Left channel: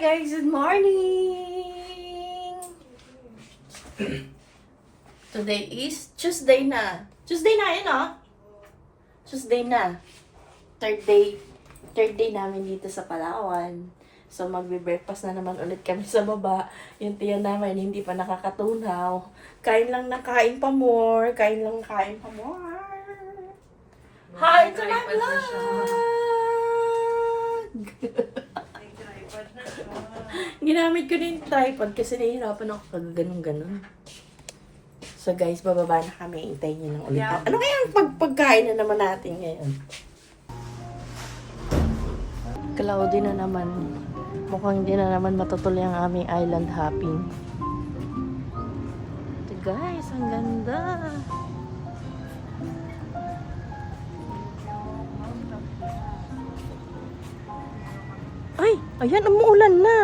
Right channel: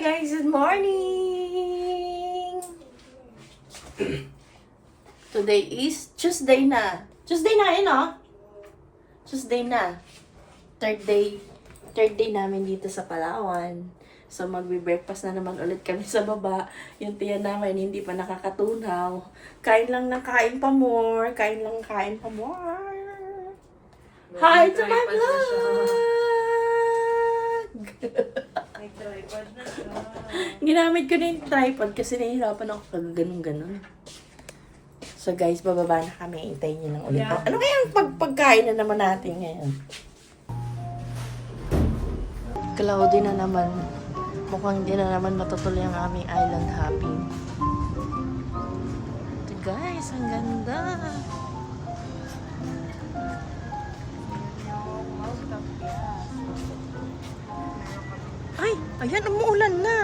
Hi guys, good morning! Today is Tuesday na. Tuesday na yun, oh. Tuesday na. Third day namin dito sa Palawan. So magbe-breakfast na naman ulit kami sa baba. Yung tiyan namin hindi pa nakakatunaw. Kain lang ng kain pa more. Kain lang kain pa more. Hi to my vlog! Ginamit ko na yung tripod kasi nahihirapan ako pag ganun-ganun. So guys, bababa na kami. Hintayin nyo lang ulit. Ano kaya ang pagkain na naman natin ngayon? Cloudy na naman. Mukhang hindi na naman matutuloy ang aming island hopping. Ito guys, ang ganda. Ay, ayan, umuulan na.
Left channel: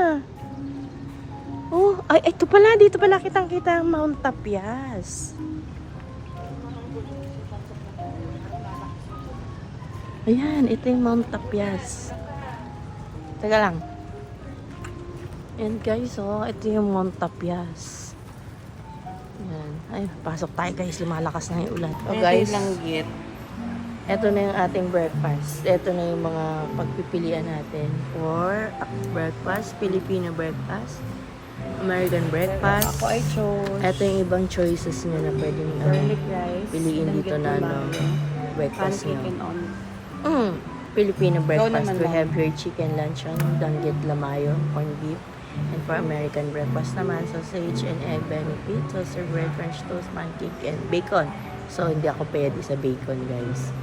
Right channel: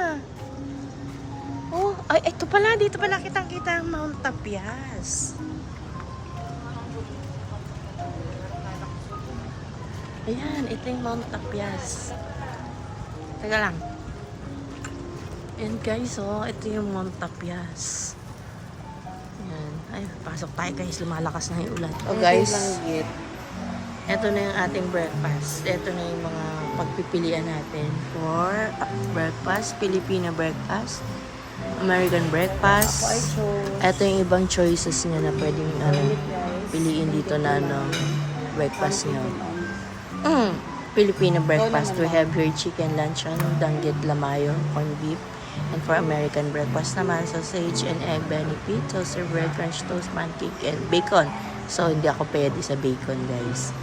Ay, ito pala, dito pala kitang-kita ang Mount Tapias. Ayan, ito yung Mount Tapias. Teka lang. Ayan guys, oh, ito yung Mount Tapias. Ayan. Ay, pasok tayo guys, lumalakas na yung ulan. Oh guys, ito na yung ating breakfast. Ito na yung mga pagpipilian natin for breakfast. Filipino breakfast. American breakfast. Ito yung ibang choices nyo na pwedeng piliin dito na breakfast nyo. Filipino breakfast. We have here chicken luncheon, danggit lamayo, corned beef. And for American breakfast naman, sausage and egg benefit, toasted bread, French toast, pancake, and bacon. So, hindi ako pwede sa bacon, guys.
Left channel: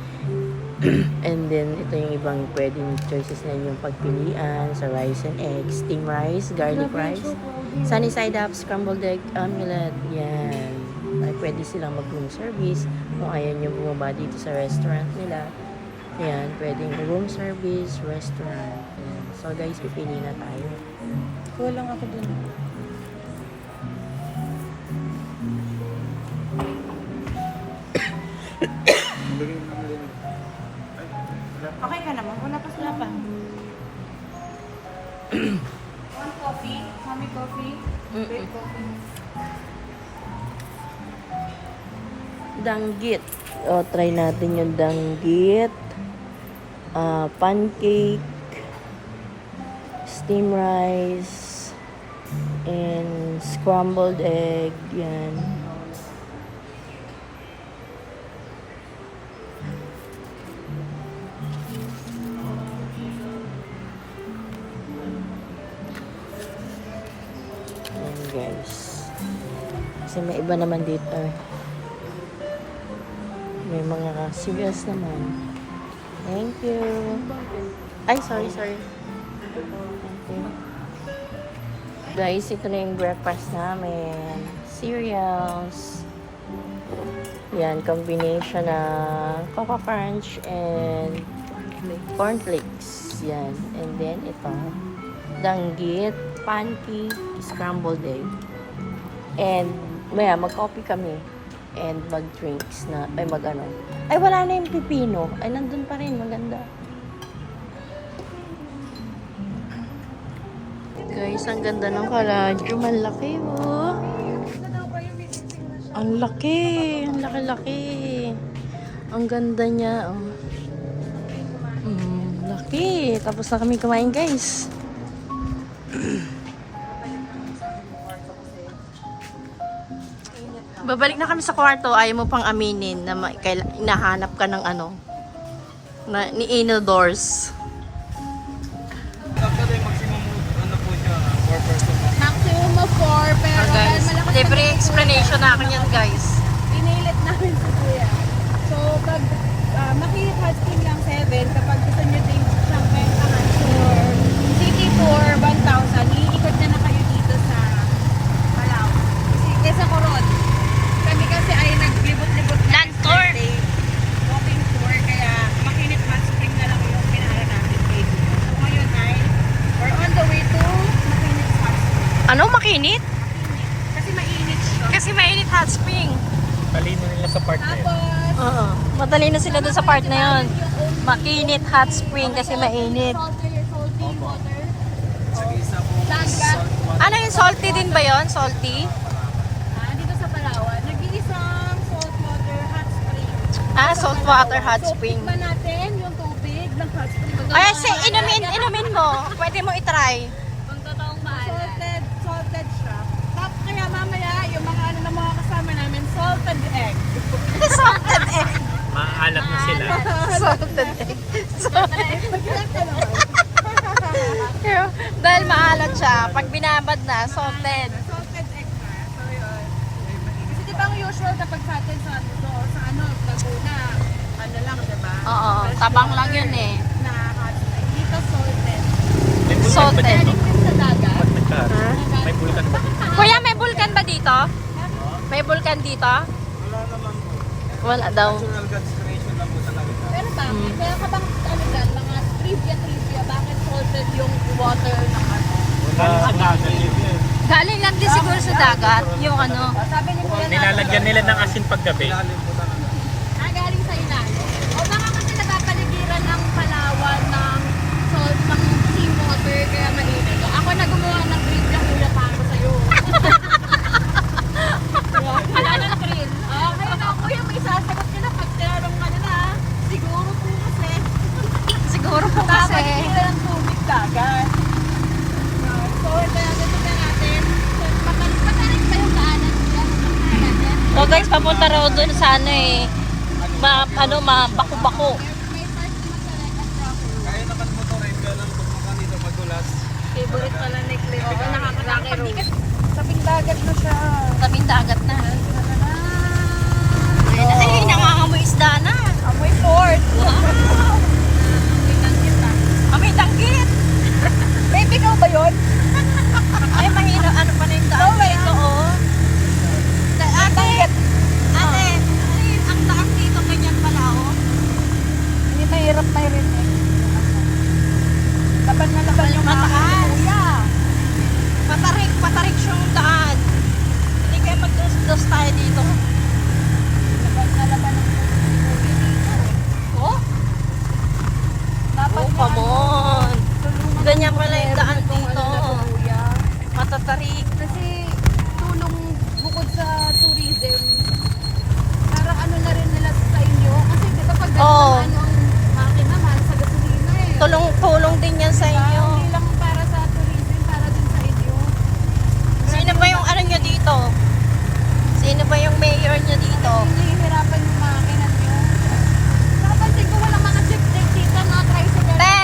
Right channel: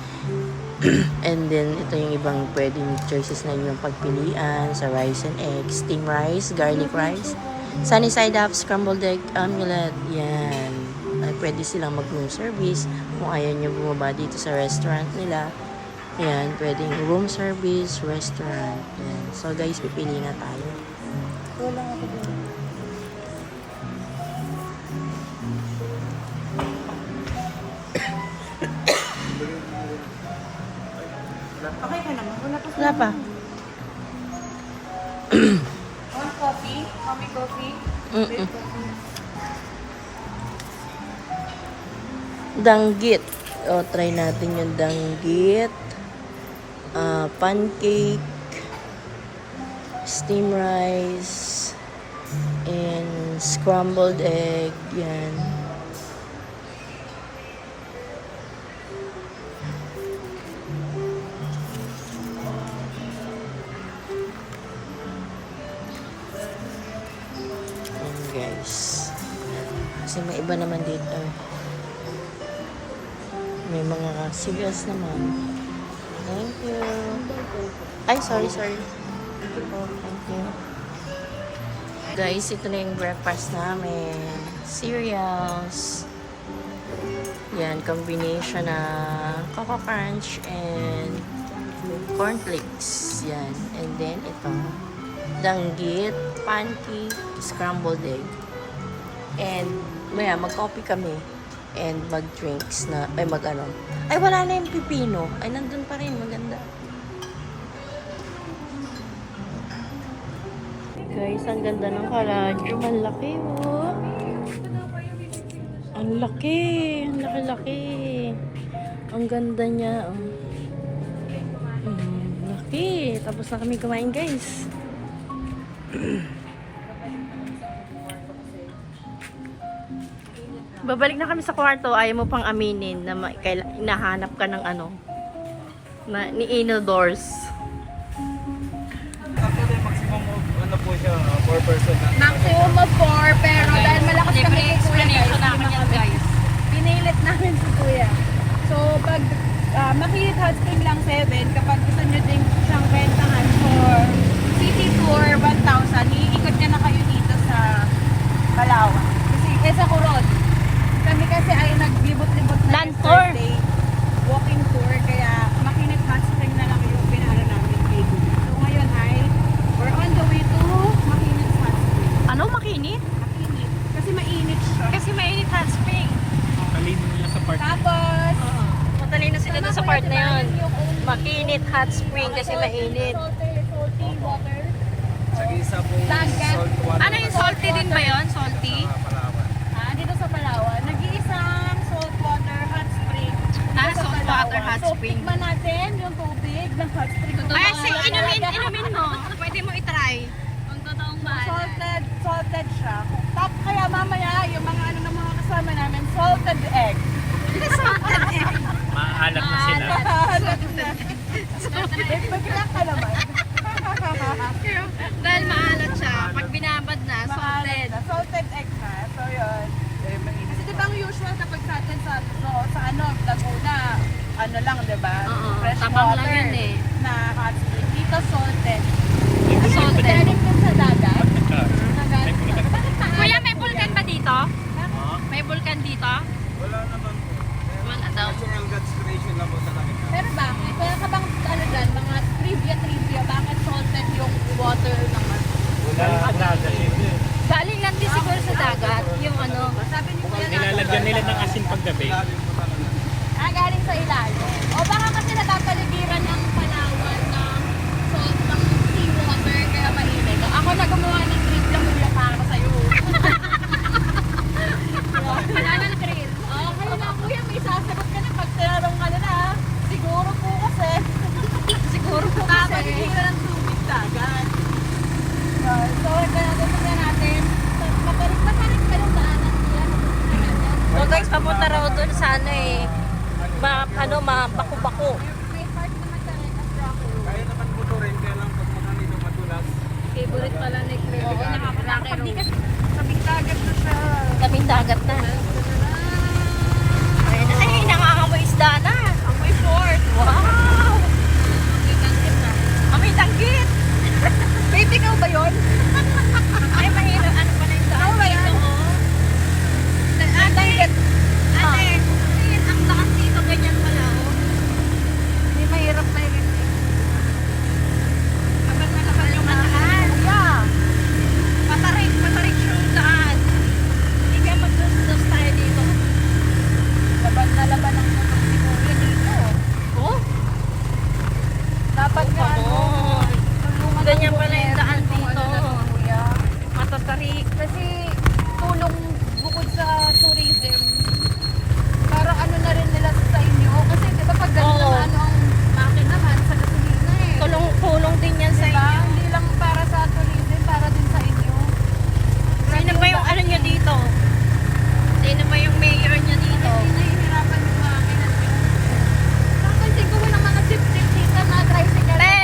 And then, ito yung ibang pwedeng choices na inyong pagpilian sa rice and eggs. Steamed rice, garlic rice, sunny side up, scrambled egg, omelette. Yan. Ay, pwede silang mag-room service. Kung ayaw nyo bumaba dito sa restaurant nila. Yan, pwedeng room service, restaurant. Yan. So, guys, pipili na tayo. Kulang ako din. Okay ka naman? Wala pa. Wala pa. One coffee? Mommy coffee? Danggit. O, try natin yung danggit. Pancake. Steamed rice. And scrambled egg. Yan. Guys, kasi may iba naman dito, may mga serious naman. Thank you. Ay, sorry thank you guys. Ito na yung breakfast namin, cereals. Yan, combination na Coco Crunch and cornflakes. Yan, and then ito danggit, pancake, scrambled egg. And maya, mag-coffee kami. And mag-drinks na, ay mag-ano. Ay, wala na yung pipino. Ay, nandun pa rin. Maganda. Guys, ang ganda ng kaladyo. Malaki, oh. Ang laki. Ang laki-laki. Ang ganda niya, oh. Laki. Tapos na kami kumain, guys. Babalik na kami sa kwarto. Ayaw mo pang aminin na hinahanap ka ng ni indoors. Actually, maximum po siya, 4 person. Maximum of 4, pero dahil malakas Libre explanation na akin yan, guys. pinilit namin si Kuya. So, pag makilit hot spring lang 7, kapag gusto nyo din siyang bentahan for city for 1,000, iikot na kayo dito sa Palawan. Kasi kesa Coron, kami kasi ay naglibot-libot na Land tour. walking tour, kaya makilit hot spring na lang yung pinahala namin kay Kuya. So, ngayon ay we're on the way to makilit hot spring. Ano? Makinit? Kasi mainit siya. Kasi mainit hot spring. Talino nila sa part na yun. Tapos, Oo. Matalino sila dun sa part na yon. Makinit hot spring kasi mainit. salty water. Sa isa po Ano yung salty din ba yon? Salty? Dito sa Palawan, nag-iisang saltwater hot spring. Saltwater hot So, spring. tikman natin yung tubig ng hot spring. Ay, inumin mo. Pwede mo itry. Kung totoong salted siya. Tapos kaya mamaya, yung mga ano ng mga kasama namin, salted egg. Salted egg. Maalat na sila. Salted egg. Magkilap ka naman. Dahil maalat siya. Pag binabad na, salted. Salted egg na. So, yun. Kasi di ba ang usual kapag sa atin sa ano, Laguna, ano lang, di ba? Oo, Fresh tabang water lang yun eh. Na hot spring. Dito salted. Salted. Pwede po sa dagat. May bulkan ba? Kuya, may vulkan ba dito? May vulkan dito? Wala naman po. Wala daw. Natural God's creation lang po talaga. Pero bakit? Wala ka bang ano dyan, mga trivia, bakit salted yung water ng ano? Wala sa dagat yun. Galing lang din siguro sa dagat. Yung ano. Sabi ni Kuya Nilalagyan nila ng asin paggabi. galing sa ilalim. O baka kasi nagkapaligiran ng Palawan ng salt, ng seawater, kaya mainit. Ako na gumawa ng drink na Kuya para sa'yo. Wala ng drink. Okay na Kuya, may sasagot ka na pag tinarong ka na. Siguro po kasi. Siguro po kasi. Kapaligiran ng tubig dagat. Yun. Tingnan natin. Matarik pa yung daanan dyan. So guys, papunta raw doon sa ano eh. Bako-bako. May part naman sa Letas Travel. Kaya nakatmotorin, kaya lang pag mukha nito madulas. Favorite pala ni Chris. Oo, nakakatakot. Pag di ka sa dagat mo siya. Kaming dagat na. Ayun na. Ay, nangangamoy isda na. Amoy port. Wow! May kanit na. Kami tanggit. Baby, ikaw ba yun? Ay, Manila, ano pa na yung daan Oo, dito, oh. Tanggit. Ate, ang taas dito, ganyan pala, oh. Hindi mahirap na rin eh. Laban na laban yung mga Mataas. kuya. Patarik siyang daan. Hindi kaya magdos-dos tayo dito. Laban na laban ang mga kuya dito. Oh? Dapat Oh, na come ano. on. Tulungan Ganyan ng pala yung gobyerno daan kung dito. ano na to, kuya. Matatarik. Kasi tulong bukod sa tourism, para ano na rin nila sa inyo. Kasi di ba pag Oo. gano'n ano ang makin naman sa gasolina eh. Tulong din yan sa Diba? inyo. Hindi lang para sa tourism, para din sa inyo. Sino ba yung ano nyo dito? Sino ba yung mayor nyo dito? Hindi nahihirapan yung mga kinan nyo. Pero pansin ko walang mga jeep dito na tricycle. Te!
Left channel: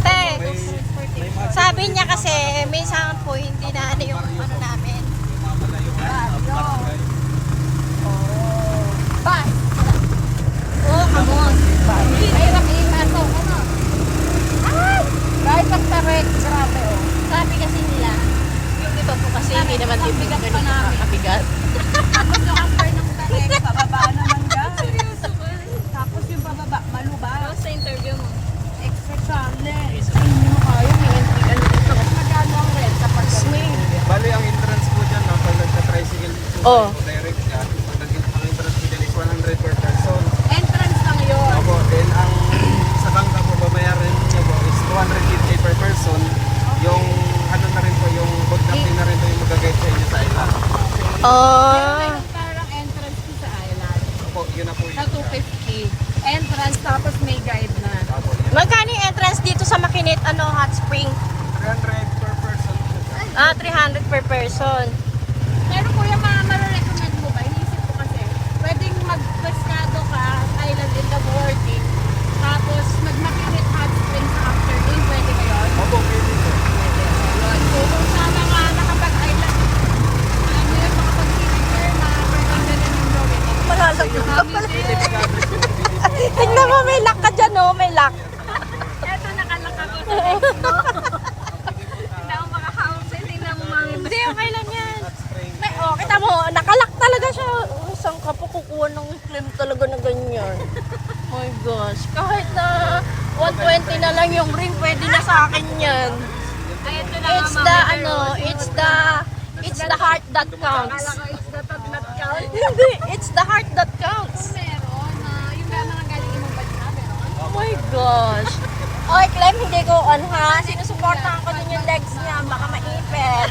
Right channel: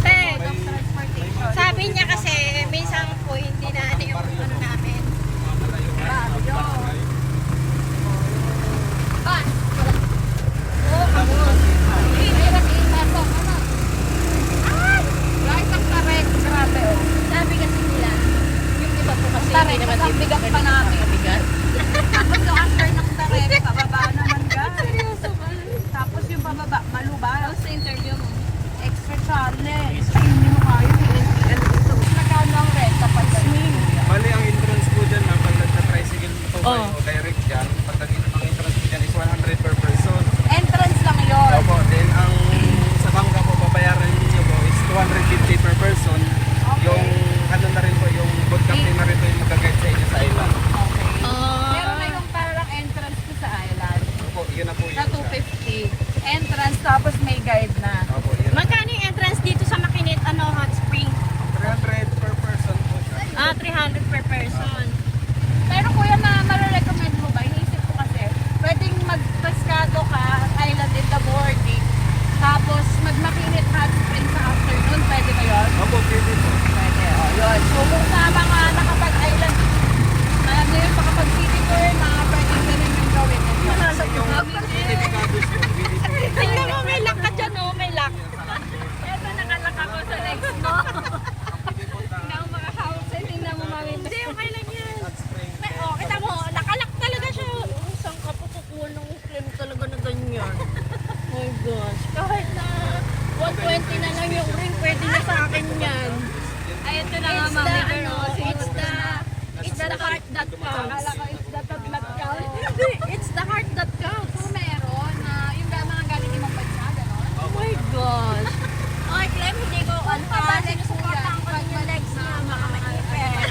Te! Transportation. Sabi niya kasi, minsan po, hindi na ano yung ano namin. Dito. Bus. Oh, come on. Mahirap i-meso. Ano? Ay! Guys, ang tarek. Grabe oh. Sabi kasi nila. Ang tarek. Ang bigat pa namin. Mabigat. Tapos yung after ng tarek, pababa naman guys. Tapos yung pababa, malubas. Sa interview. Extra charges. Ay, hindi mo kaya. May entry. Magkano ang rent kapag swing? Bali, ang entrance po dyan, pag nagka-tricycle dito, Oh. direct dyan. Pag ang entrance dyan is 100 per person. Entrance lang yun. Opo, then ang sa bangka po, babayaran niyo po is 250 per person. Yung ano na rin po, yung boat captain na rin po yung magagayad po sa island. Pero Oh. mayroon parang entrance to sa island. Opo, yun na po Na yun. 250. Entrance, tapos may guide na. Opo, yun. Magkano yung entrance dito sa Makinit, hot spring? 300 per person po. 300 per person. Pero kuya, ma-recommend mo ba? Iniisip ko kasi, pwedeng mag-pescado ka, island in the morning, tapos mag-Makinit hot spring sa afternoon, pwede ba yun? Opo, Pwede, oh, yun. So, kung sa mga nakapag-island, hindi rin makapag-city tour, pwede ganun yung gawin. Malalag ka pala. Tingnan mo, may lock ka dyan, oh. May lock. Ito, nakalak ako sa legs, no? Tingnan mo mga house, tingnan mo mami. Hindi, okay lang yan. May, oh, kita mo, nakalak talaga siya. Oh, saan ka po kukuha ng claim talaga na ganyan? My gosh, kahit na 120 na lang yung ring, pwede na sa akin yan. It's the, it's the heart that counts. Akala ko it's the pag not count. Hindi, it's the heart that counts. Meron na, yung mga galing ibang bansa, meron. Oh my gosh. Oy, Clem, hindi ko on ha. Sinusuportahan ko din yung legs niya. Baka maipit.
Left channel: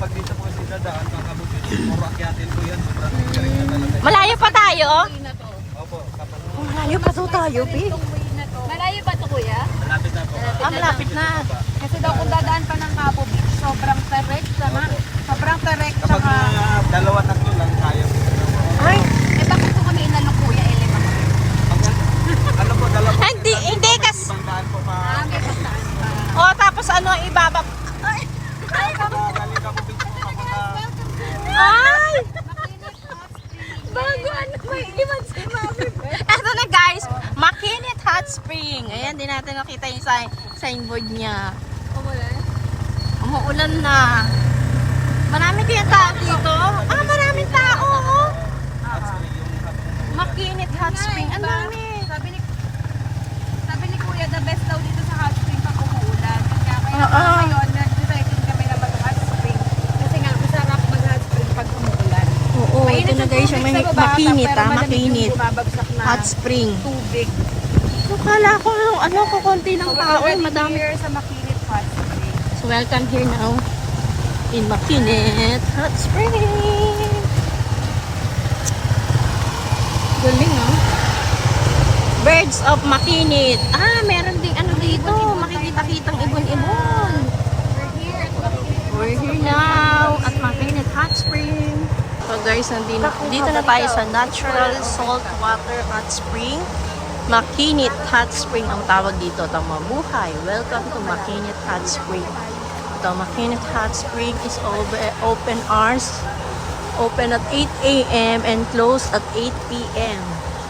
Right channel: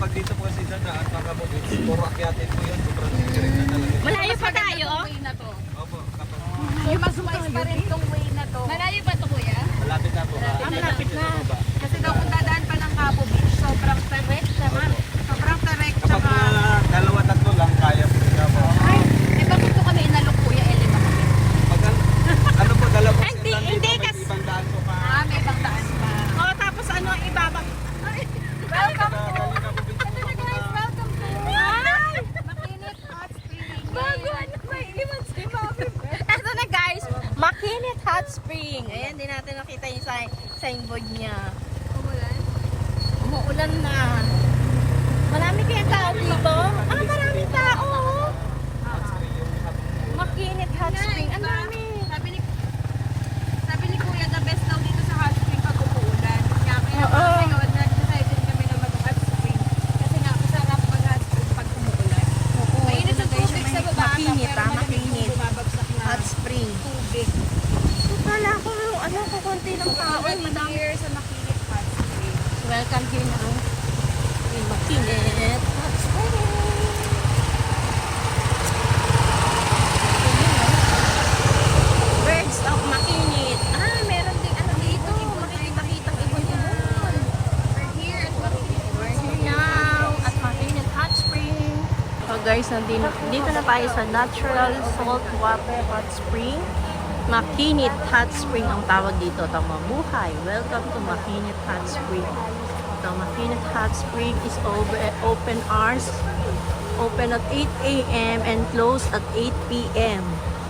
kapag dito po kasi dadaan, kakabukid, puro akyatin po yun. Sobrang galing na talaga. Malayo pa tayo? Way na to. Opo, kapag Malayo pa daw tayo, Pi. Way na to. Malayo ba to, kuya? malapit na po. Ah, malapit na. Kasi daw kung dadaan pa ng Cabo Beach, sobrang direct, sama. Sobrang direct, Kapag saka... dalawa, tatlo lang, kaya po. Ay, Eh, bakit po kami inalok, kuya? Eh, lima kami. Ano po, dalawa? hindi kasi. Ibang daan po pa. Ah, may pagtaan pa. Oh, tapos ano, ibabab. Ay! Welcome po! Galing Cabo Beach po Ito na guys, papunta. welcome po! Ay! Makinit Hot Spring. Bago ano, may iwan si Mami. Eto na guys, Makinit Hot Spring. Ayan, di natin nakita yung signboard niya. Kumulan? Umuulan na. Marami kaya tao dito? Ah, maraming tao. Oh. Makinit Hot Spring. Ang dami. Sabi ni Kuya, the best daw dito sa Hot Spring pag umuulan. Kaya Oo. ngayon, nag-decided kami na mag-Hot Spring. Kasi nga, masarap mag-Hot Spring pag umuulan. Oo, ito na guys yung tubig sa baba, makinit pero ah, malamig makinit. yung bumabagsak na Hot Spring. tubig. So, kala ko ano, kukunti ng tao. Already Madami. here sa Makinit Hot Spring. So, welcome here now in Makinit Hot Spring. Galing, no? Birds of Makinit. Ah, meron ding ano dito. Makikita-kitang ibon-ibon. We're here now at Makinit Hot Spring. So guys, dito na tayo sa Natural Saltwater Hot Spring. Makinit Hot Spring ang tawag dito. Tama buhay. Welcome to Makinit Hot Spring. The Makinit Hot Spring is open hours. Open at 8 a.m. and close at 8 p.m.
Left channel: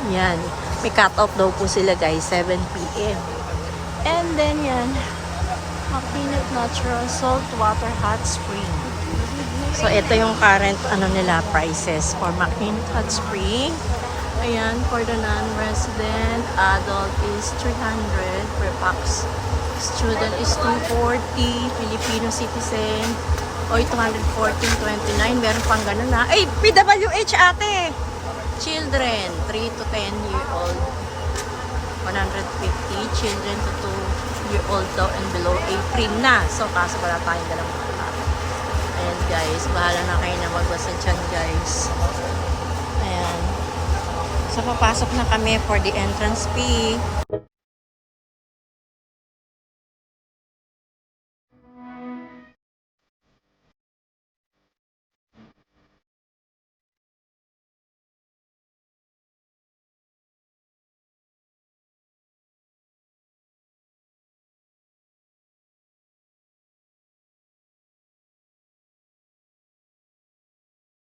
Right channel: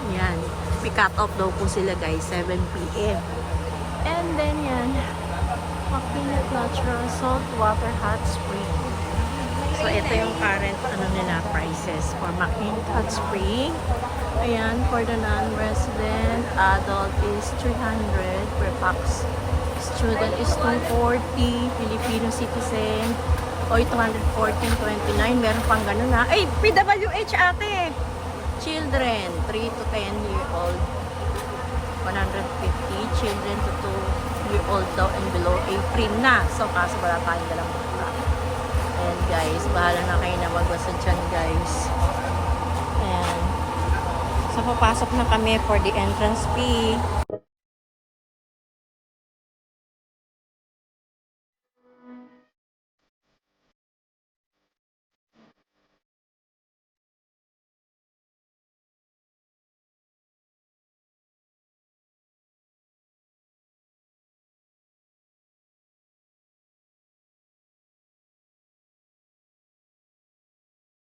Yan. May cut-off daw po sila guys, 7 p.m. And then yan, Makinit Natural Saltwater Hot Spring. So ito yung current ano nila prices for Makinit Hot Spring. Ayan, for the non-resident, adult is 300 per pax. Student is 240, Filipino citizen, oy 214.29, meron pang ganun na. Ay, PWH ate! Children, 3 to 10 year old, 150, children to 2 year old daw and below, free na. So, kaso wala tayong dalang bata. Ayan guys, bahala na kayo na magbasa dyan guys. Ayan. So, papasok na kami for the entrance fee.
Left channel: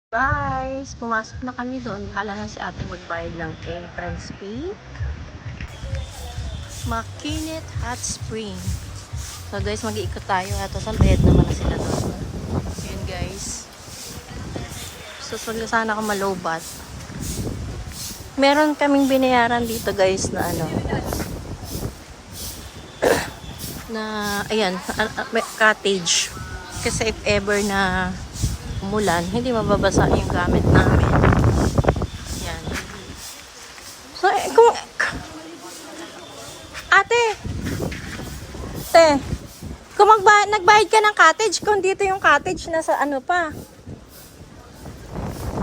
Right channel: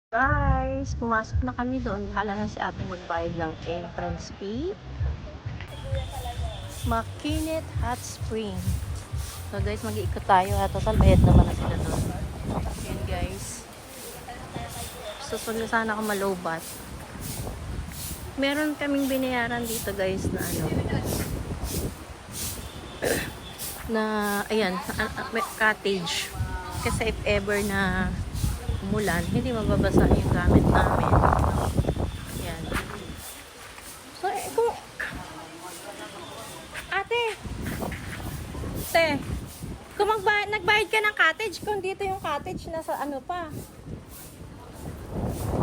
Guys, pumasok na kami doon. Hala na si ate magbayad ng entrance fee. Makinit Hot Spring. So guys, mag-iikot tayo. Total bayad naman na sila doon. Yun guys. Susunod na sana ako malobat. Meron kaming binayaran dito guys na ano. Na, ayan, may cottage. Kasi if ever na umulan, hindi mababasa yung gamit namin. Yan. So, kung... Ate! Kung nagbayad ka ng cottage, kung dito yung cottage, nasa ano pa?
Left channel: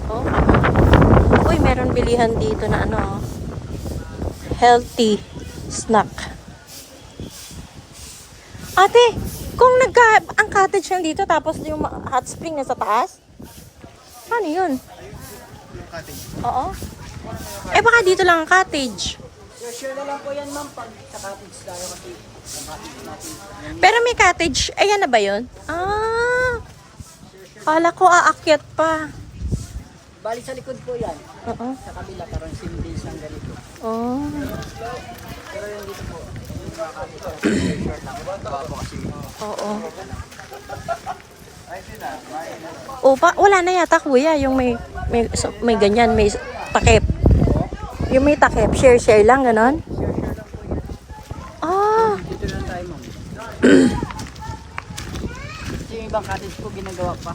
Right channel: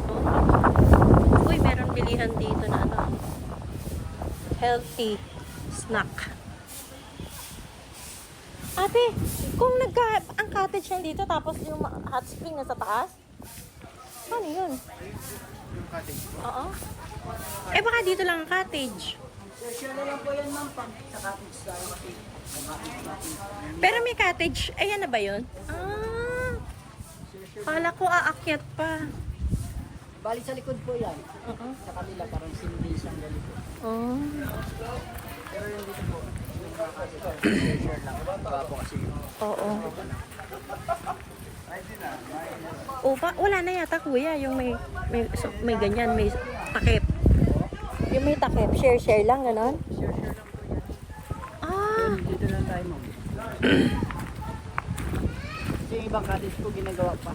Oh, uy, meron bilihan dito na ano, healthy snack. Ate, kung ang cottage lang dito tapos yung hot spring nasa taas? Paano yun? Oo. Eh baka dito lang ang cottage. Share na lang po yan ma'am pag sa cottage tayo kasi. Pero may cottage. Ayan na ba yun? Ah. Kala ko aakyat pa. Bali sa likod po yan. Oo. Sa kabila parang simbilis ng ganito. Oh. Pero yung dito po. Oo. O, wala na yata kuya, yung may ganyan, may takip. Yung may takip, share lang, ganon. Ah. Dito lang tayo ma'am. Yung ibang cottage po ginagawa pa.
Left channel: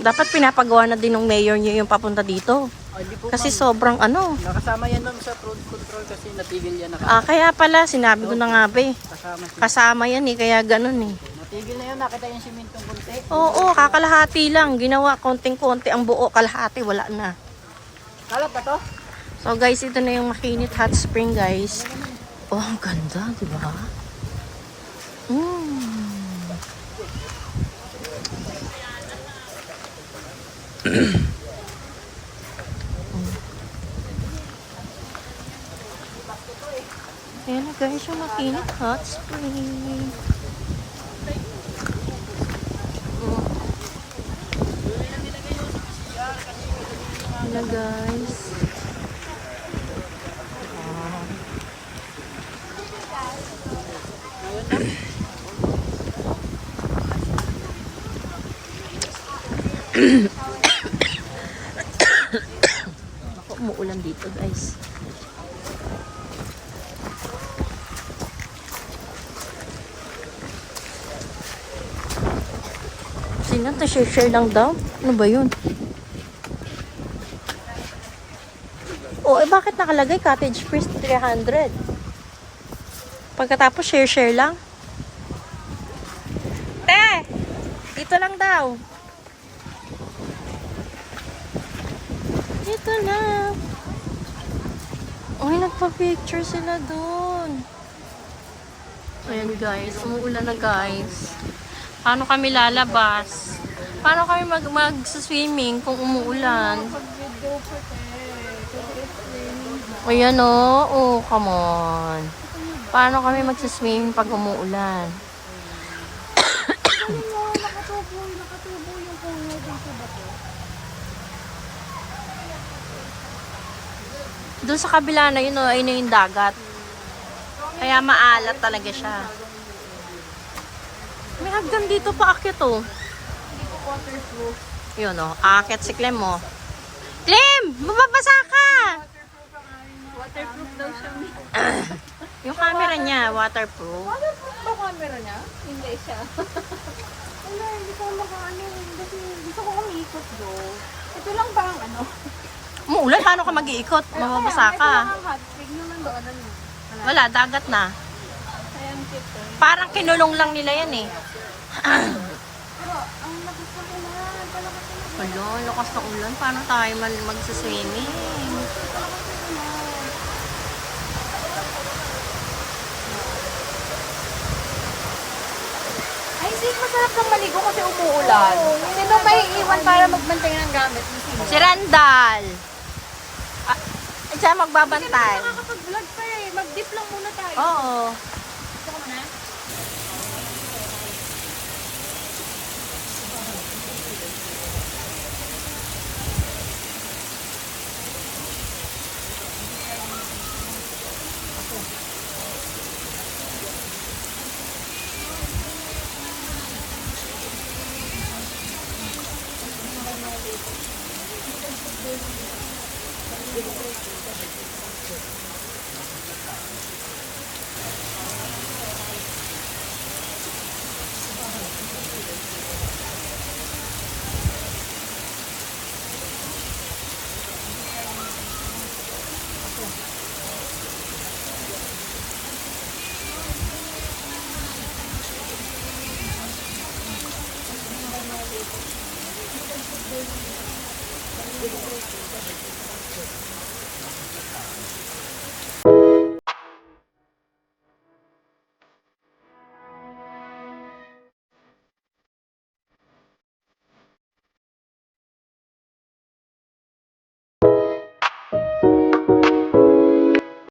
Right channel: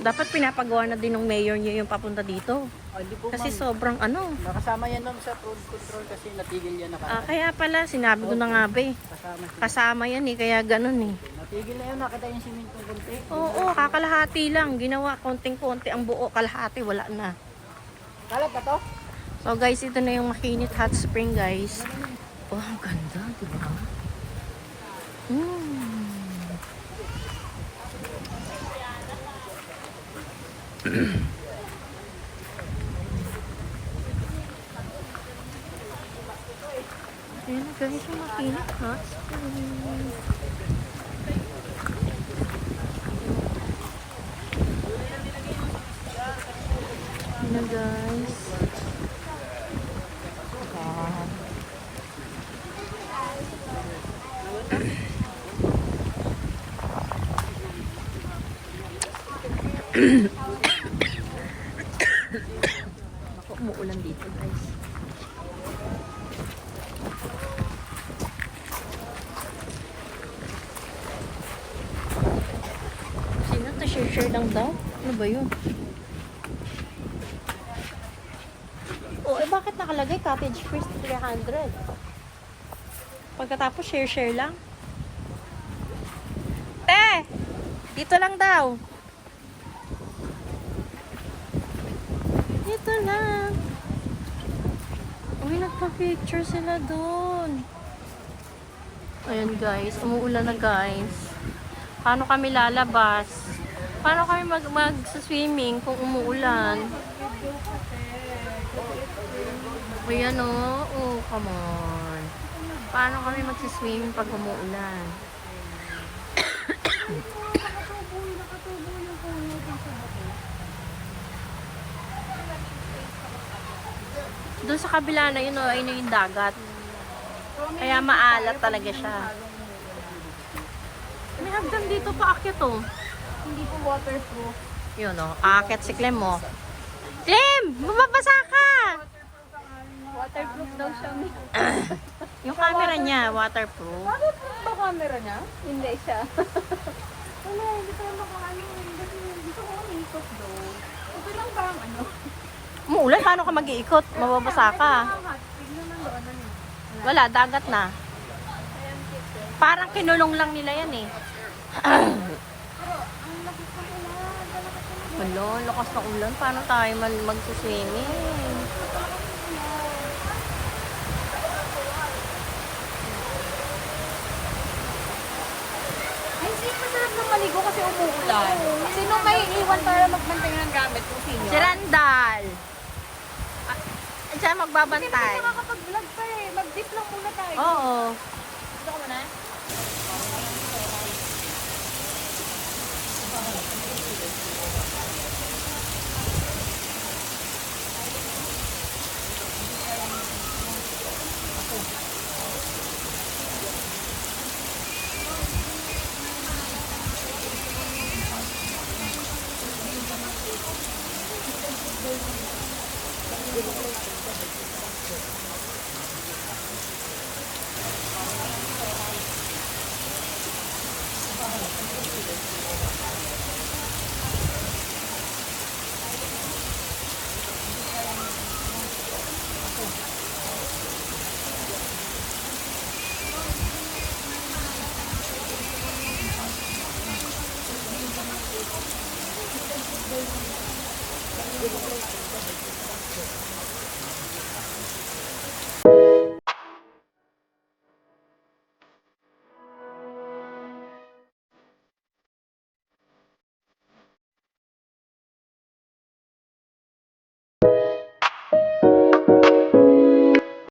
Dapat pinapagawa na din ng mayor niya yung papunta dito. Hindi po Kasi sobrang ano. nakasama yan ma'am sa road control kasi natigil yan na. Ah, kaya pala, sinabi ko na nga ba eh. Kasama. Kasama yan eh, kaya ganun eh. Natigil na yun, nakita yung simintong kunti. Oo, kakalahati lang. Ginawa konting-konti ang buo, kalahati wala na. Alam pa to? So guys, ito na yung Makinit Hot Spring guys. Oh, ang ganda, di ba? Ayan na guys, yung Makinit Hot Spring. Ayan na guys. Wow. Ako, umuulan dito guys. Sinanta, share lang daw. Ano ba yun? Oh, eh bakit nakalagay cottage fees 300? Pagkatapos share lang. Te! Dito lang daw. Dito lang. Uy, nagpa-picture sila dun. Ayan guys, umuulan na guys. Paano kami lalabas? Paano kami mag-swimming kung umuulan? Ayan o. Oh, come on. Paano kami mag-swimming pag umuulan? Doon sa kabila na yun, ayun yung dagat. Kaya maalat talaga siya. May hagdan dito pa akyat oh. Hindi po waterproof. Yun oh, aakyat si Clem oh. Clem! Mababasa ka! Waterproof daw siya. Yung camera niya, waterproof. Waterproof ba camera niya? Hindi siya. Ano, hindi ko makaano. Gusto ko umiikot do. Ito lang parang ano. Umuulan, paano ka mag-iikot? Mababasa ka. Ang hot spring naman do. Ano yun? Wala, dagat na. Sayang tip. Parang kinulong lang nila yan eh. Wala, lakas ng ulan. Paano tayo magsaswimming? Ay, hindi masarap ng maligo kasi umuulan. Sino kayo iwan para magbantay ng gamit? Sino? Si Randall. Siya magbabantay. Nakakapag-vlog tayo eh. Mag-dip lang muna tayo. Oo. Gusto ko na?